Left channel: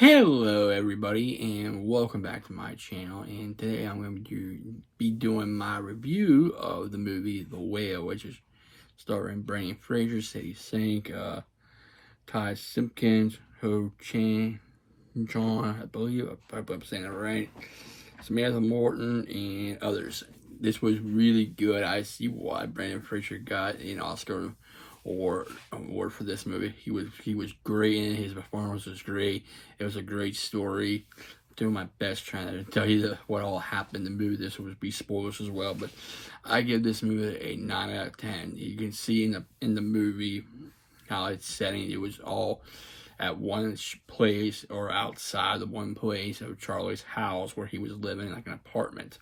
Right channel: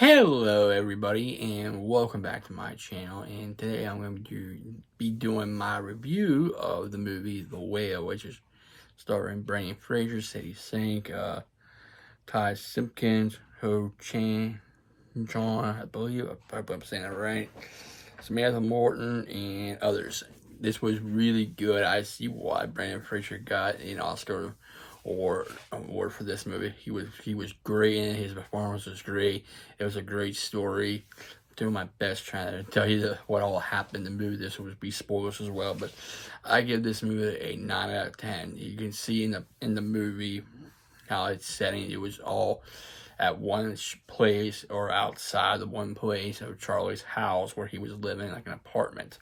Hello everybody and welcome back to my channel, and today I'm going to be doing my review of the movie The Whale, which is starring Brendan Fraser, Sadie Sink, Ty Simpkins, Ho Chan John, I believe, I hope I'm saying that right, Samantha Morton, and others. This was really good. I see why Brendan Fraser got an Oscar award for this movie. He was great in it. His performance was great. It was a great story. I'm doing my best trying to tell you what all happened in the movie. This would be spoilers as well, but I give this movie a 9 out of 10. You can see in the movie how it's setting. It was all at one place or outside the one place of Charlie's house where he was living, like an apartment.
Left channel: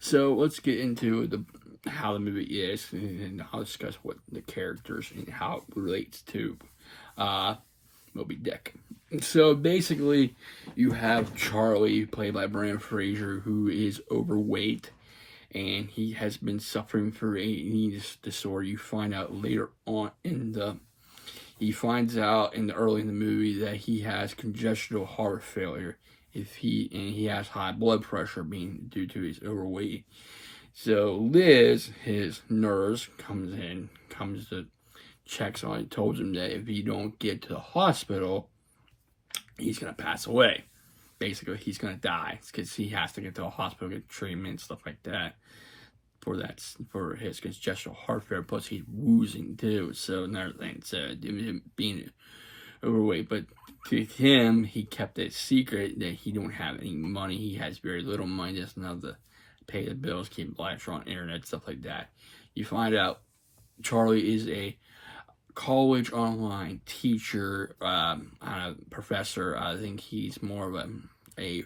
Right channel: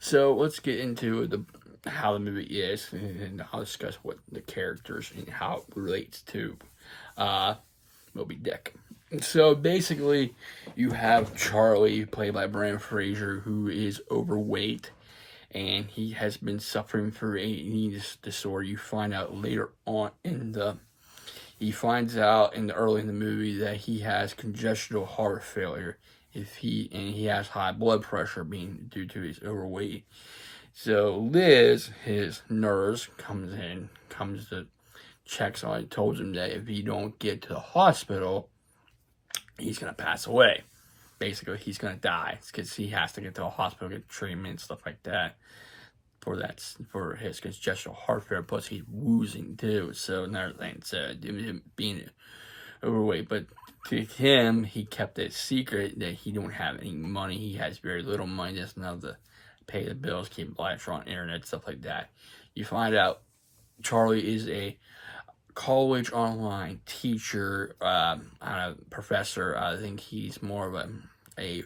So let's get into how the movie is, and I'll discuss what the characters and how it relates to Moby Dick. So basically, you have Charlie, played by Brendan Fraser, who is overweight, and he has been suffering from an eating disorder. You find out later on he finds out early in the movie that he has congestional heart failure. He has high blood pressure being due to his overweight. So Liz, his nurse, comes to checks on him, tells him that if he don't get to the hospital, he's gonna pass away. Basically, he's gonna die because he has to get to the hospital, get treatment, stuff like that for his congestional heart failure. Plus, he's woozy too. So another thing, him being overweight, but to him, he kept it secret that he don't have any money. He has very little money, just enough to pay the bills, keep lights on, internet, stuff like that. You find out Charlie is a college online teacher, professor. I think he's more of I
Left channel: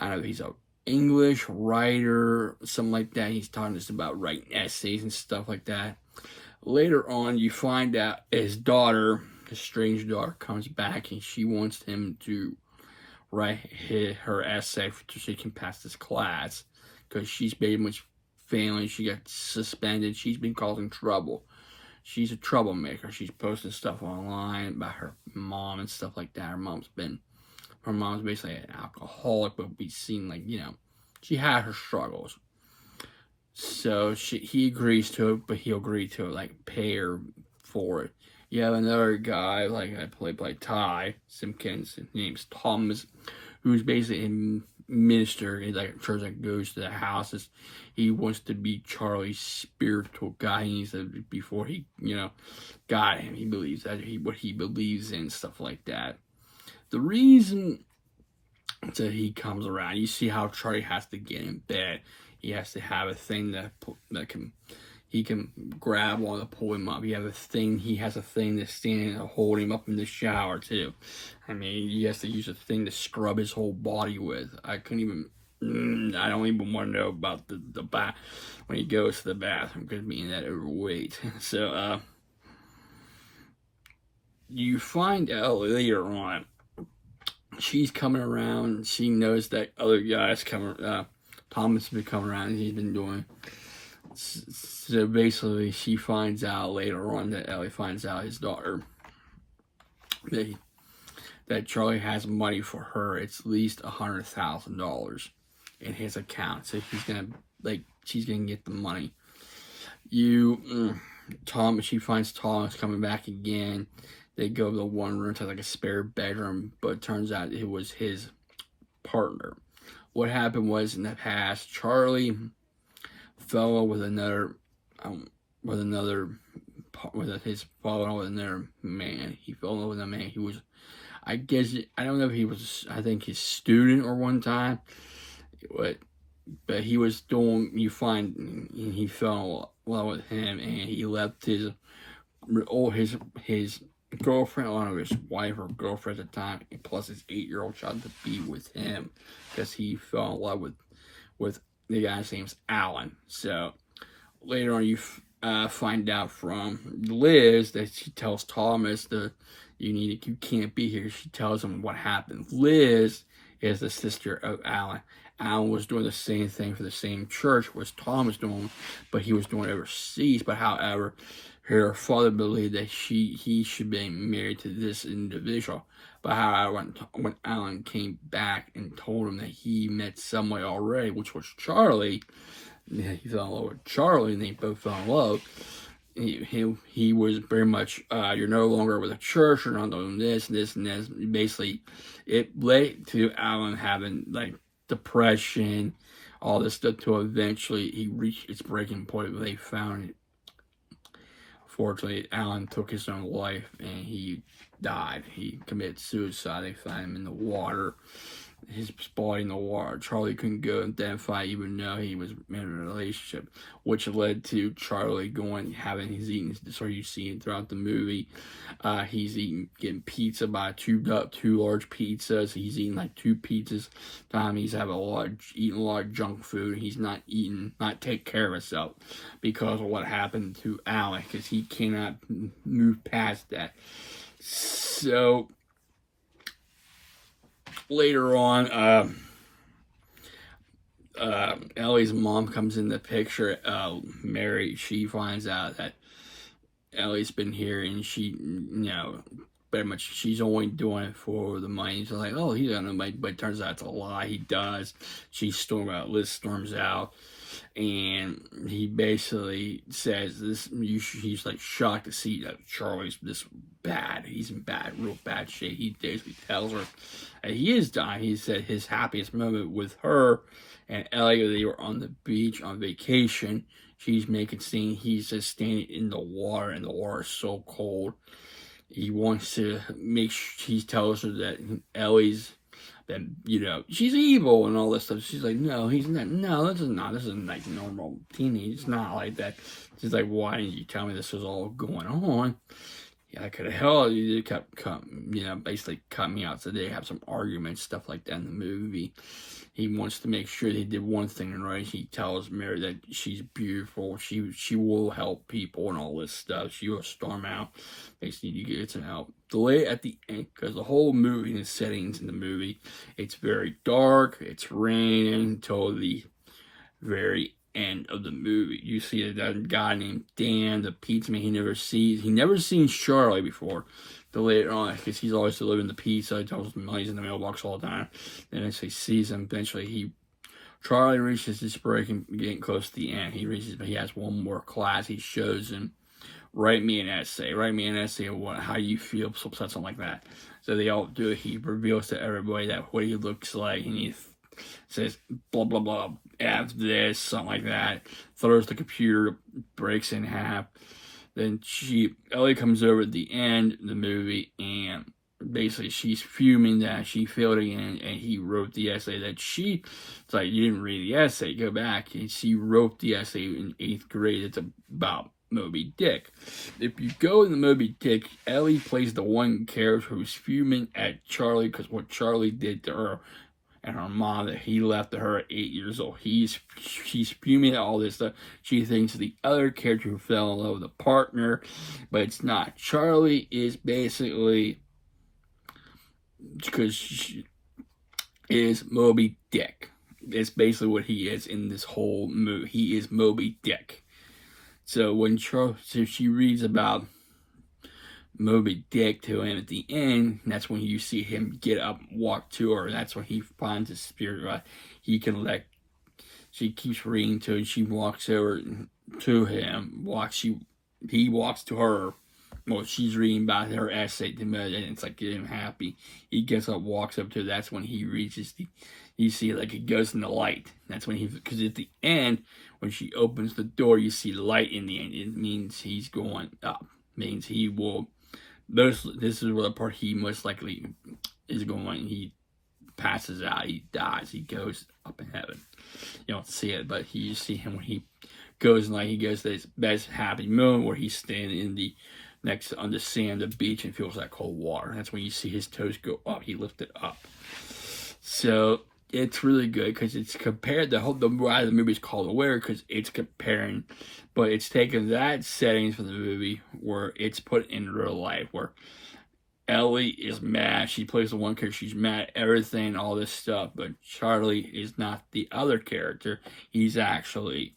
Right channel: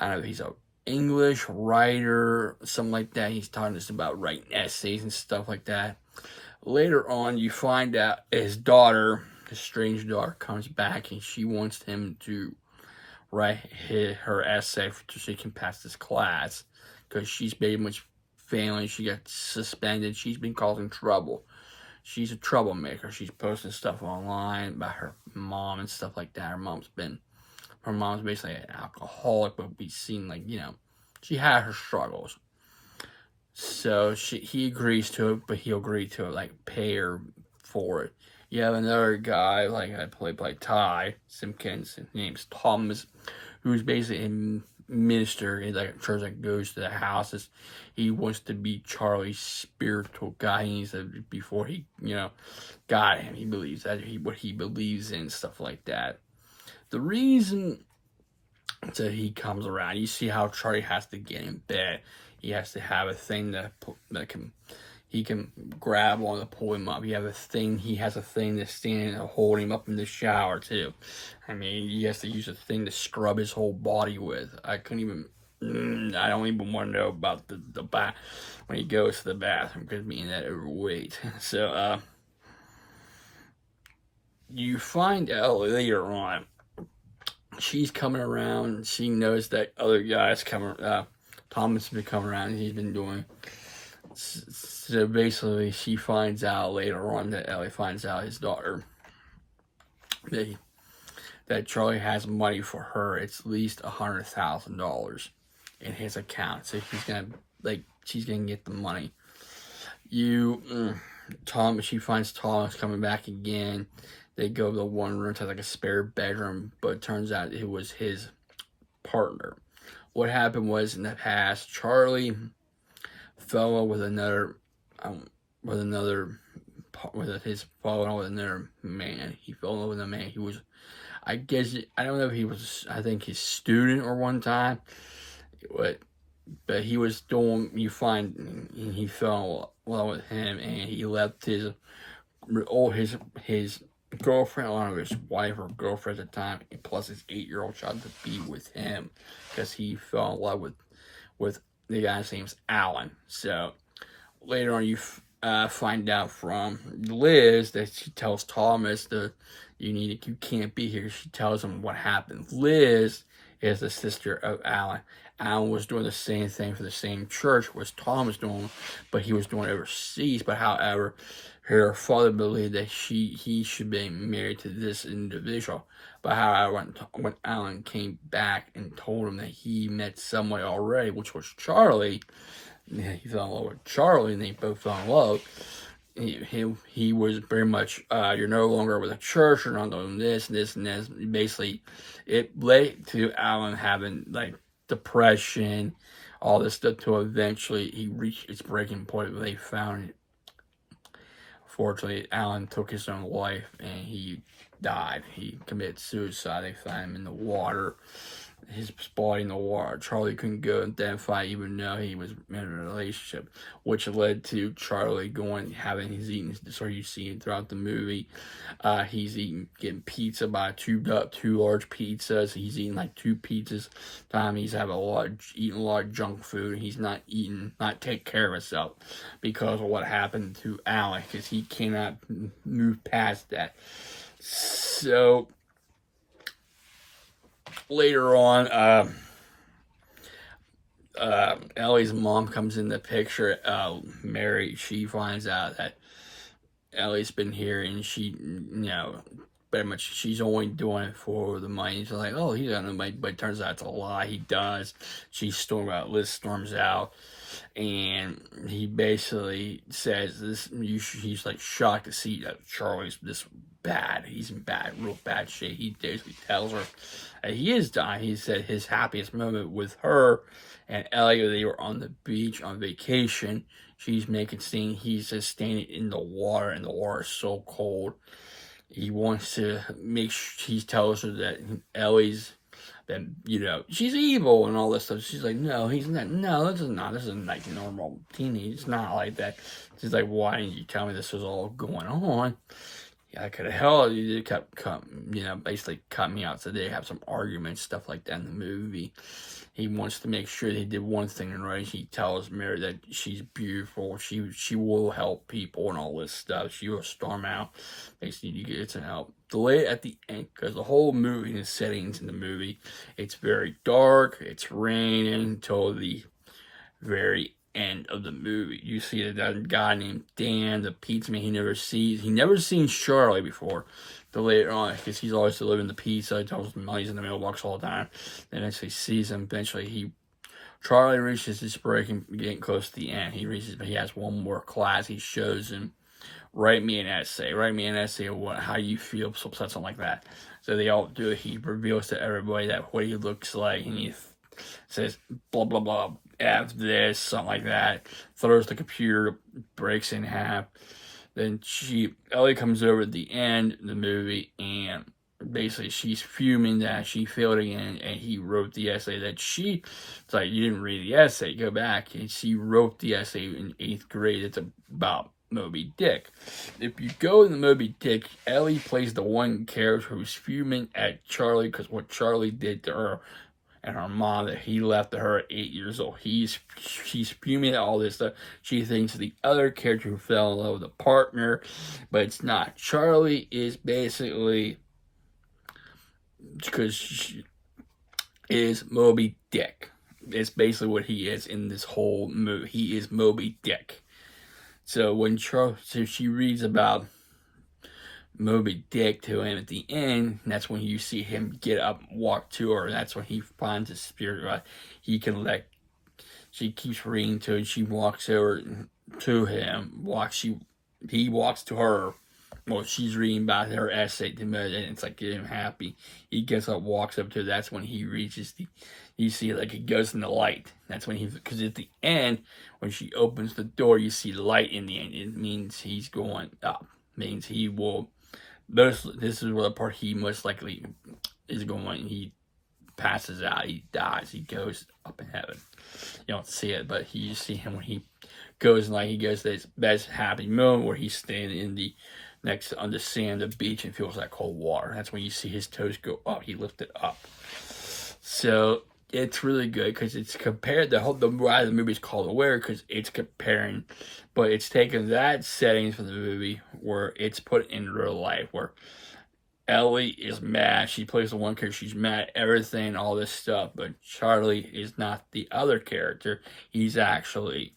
don't know, he's a English writer, something like that. He's talking us about writing essays and stuff like that. Later on, you find out his daughter, his strange daughter, comes back and she wants him to write her essay so she can pass this class, because she's very much failing. She got suspended. She's been causing trouble. She's a troublemaker. She's posting stuff online about her mom and stuff like that. Her mom's basically an alcoholic, but we seen, like, she had her struggles. So he agrees to it, but he'll agree to, like, pay her for it. You have another guy, like I played by Ty Simpkins, his name's Thomas, who's basically a minister in like a church that goes to the houses. He wants to be Charlie's spiritual guide. He said before he, got him, he believes that what he believes in, stuff like that. The reason that he comes around, you see how Charlie has to get in bed. He has to have a thing that he can grab on to pull him up. He has a thing to stand and hold him up in the shower too. I mean, he has to use a thing to scrub his whole body with. I don't even want to know about the bath when he goes to the bathroom, because being that overweight. So, you find out later on, she's coming around. She knows that other guy's coming. Thomas has been coming around. He's been doing. So basically, she finds out later on that Ellie finds out, his daughter, that Charlie has money for her. It's at least $100,000 in his account. So she's gonna get the money. She finds Thomas coming back again. They go to the one room to like a spare bedroom, but it turns out it was his partner. What happened was, in the past, Charlie fell with another man. He fell in love with a man. He was, I don't know if he was, I think, his student or one time, but he was doing, he fell in love with him, and he left his girlfriend, I don't know, his wife or girlfriend at the time, plus his 8-year-old child, to be with him, because he fell in love with the guy's name's Alan. So later on, you find out from Liz that she tells Thomas you can't be here. She tells him what happened. Liz is the sister of Alan. Alan was doing the same thing for the same church was Thomas doing, but he was doing it overseas. But however, her father believed that he should be married to this individual. But however, when Alan came back and told him that he met someone already, which was Charlie, he fell in love with Charlie, and they both fell in love. He was very much, you're no longer with the church, you're not doing this, this, and this. Basically, it led to Alan having, like, depression, all this stuff, to eventually he reached its breaking point where they found it. Fortunately, Alan took his own life, and he died. He committed suicide. They found him in the water, his body in the water. Charlie couldn't go and identify, even though he was in a relationship, which led to Charlie having his eating. So you see it throughout the movie. He's getting pizza by two large pizzas. He's eating like 2 pizzas. He's eating a lot of junk food. He's not take care of himself because of what happened to Alec, because he cannot move past that. So later on, Ellie's mom comes in the picture. Mary, she finds out that Ellie's been here, and she, pretty much she's only doing it for the money. So like, oh, he doesn't know, but it turns out it's a lie. He does. Liz storms out, and he basically says this. He's like shocked to see that Charlie's this bad. He's in real bad shape. He basically tells her that he is dying. He said his happiest moment with her and Ellie, they were on the beach on vacation. She's making scene. He's just standing in the water, and the water is so cold. He wants to he tells her that Ellie's, that, she's evil and all this stuff. She's like, no, he's not. No, this isn't like normal teenage. It's not like that. She's like, why didn't you tell me this was all going on? Yeah, I could have held you. Basically cut me out. So they have some arguments, stuff like that in the movie. He wants to make sure they did one thing right. He tells Mary that she's beautiful. She will help people and all this stuff. She will storm out. They just need to get some help. Delay at the end, because the whole movie, the settings in the movie, it's very dark. It's raining until the very end of the movie. You see that guy named Dan, the pizza man. He never seen Charlie before. But later on, because he's always delivering the pizza, he tells him he's in the mailbox all the time. Then as he sees him, eventually Charlie reaches his break and getting close to the end. He has one more class. He shows him, write me an essay of how you feel, something like that. So they all do it. He reveals to everybody that what he looks like, and he says blah blah blah, F this, something like that. Throws the computer, breaks in half. Then Ellie comes over at the end of the movie, and basically she's fuming that she failed again, and he wrote the essay that it's like, you didn't read the essay, go back. And she wrote the essay in 8th grade. It's about Moby Dick. If you go in the Moby Dick, Ellie plays the one character who's fuming at Charlie because what Charlie did to her and her mom, that he left her at 8 years old. She's fuming at all this stuff. She thinks the other character who fell in love with a partner, but it's not. Charlie is basically, because she is Moby Dick. It's basically what he is in this whole movie. He is Moby Dick. So when she reads about Moby Dick to him at the end, that's when you see him get up and walk to her. That's when he finds his spirit. She keeps reading to him, and she walks over to him. He walks to her. Well, she's reading about her essay to him, and it's like getting him happy. He gets up, walks up to her. That's when he reaches you see, like, he goes in the light. That's when because at the end, when she opens the door, you see light in the end. It means he's going up. It means he will. This is where the part he most likely is going. He passes out. He dies. He goes up in heaven. You don't see it, but you see him when he goes to this best happy moment where he's standing on the sand of the beach and feels that cold water. That's when you see his toes go up. He lifted up. So it's really good because it's compared. The why the movie is called Aware, because it's comparing. But it's taken that settings from the movie where it's put in real life, where Ellie is mad. She plays the one character. She's mad at everything, all this stuff. But Charlie is not the other character. He's actually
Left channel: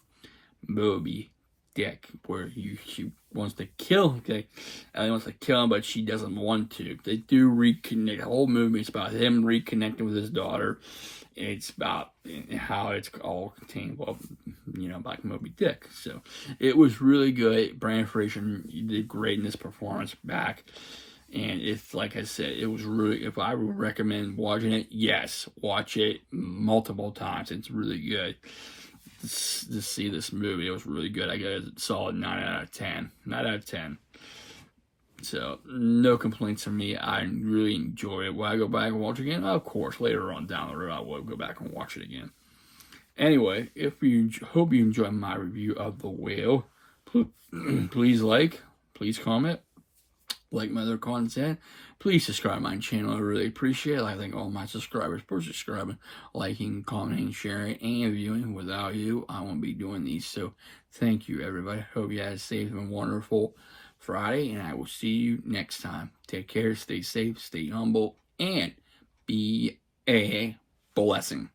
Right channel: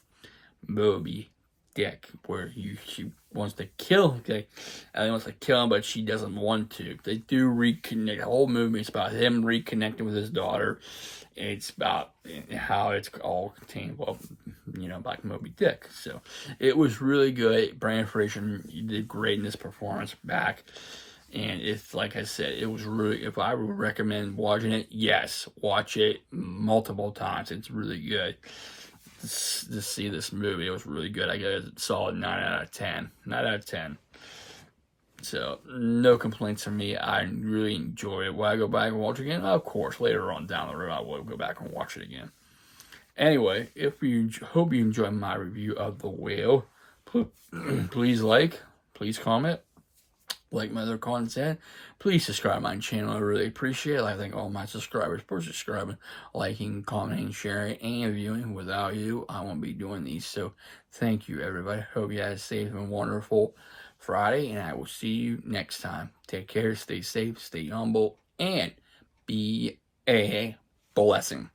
Moby Dick, where she wants to kill him. Okay, Ellie wants to kill him, but she doesn't want to. They do reconnect. The whole movie is about him reconnecting with his daughter. It's about how it's all contained, well, by Moby Dick. So it was really good. Brendan Fraser did great in this performance back. And it's, like I said, it was really, if I would recommend watching it, yes, watch it multiple times. It's really good to see this movie. It was really good. I gave it a solid 9 out of 10. 9 out of 10. So, no complaints from me. I really enjoy it. Will I go back and watch it again? Of course, later on down the road, I will go back and watch it again. Anyway, hope you enjoyed my review of The Whale. Please like, please comment, like my other content. Please subscribe to my channel. I really appreciate it. I thank all my subscribers for subscribing, liking, commenting, sharing, and viewing. Without you, I won't be doing these. So, thank you, everybody. Hope you had a safe and wonderful Friday, and I will see you next time. Take care, stay safe, stay humble, and be a blessing.